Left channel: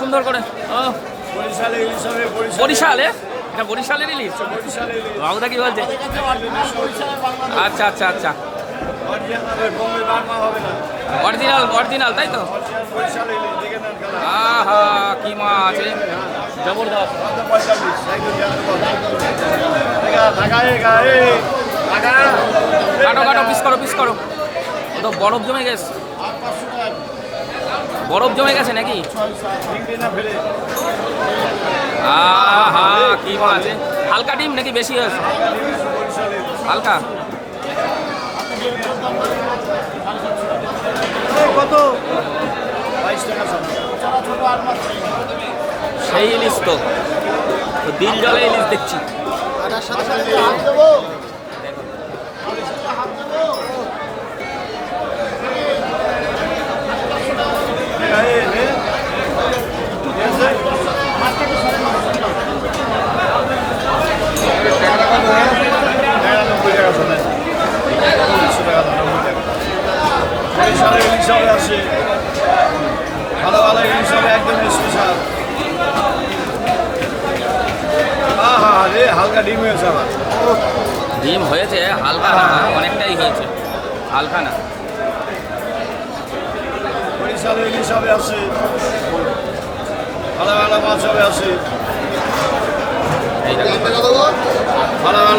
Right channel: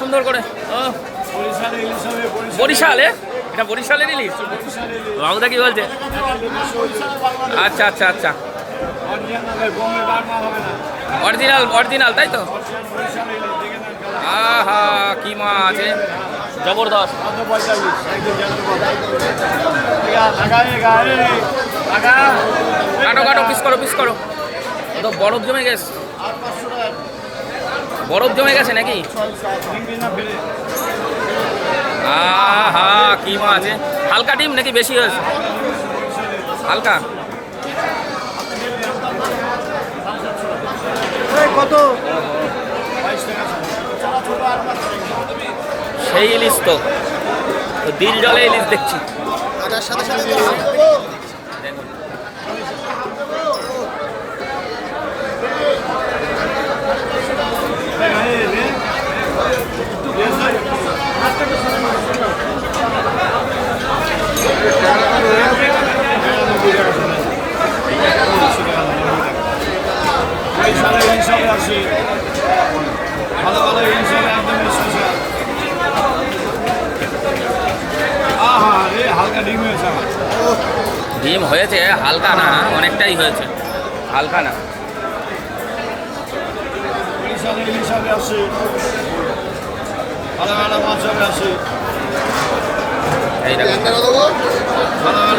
সুন্দর করে বরিশালে, এটা বরিশালের ইলিশ। বাবুদা কি বলছে? আচ্ছা আচ্ছা আচ্ছা, অরিজিনাল অরিজিনাল তাই তো। আহা কি মাছ আছে, জবরদস্ত। কাটো কাটো, পিস করো পিস করো। তো বরফ জমে গেছে, বরফ জমে গেছে নাকি? আহা কি মাছ আছে, হালকা ডিম নাকি বেশি হয়েছে? হালকা। কত? সেই ইলিশ তো, দিল জলে ইলিশ দেখছি। সাথে সাথে দেখো ডিম হয়েছে, হালকা না, অনেকটাই হয়েছে, হালকা না। এই দেখো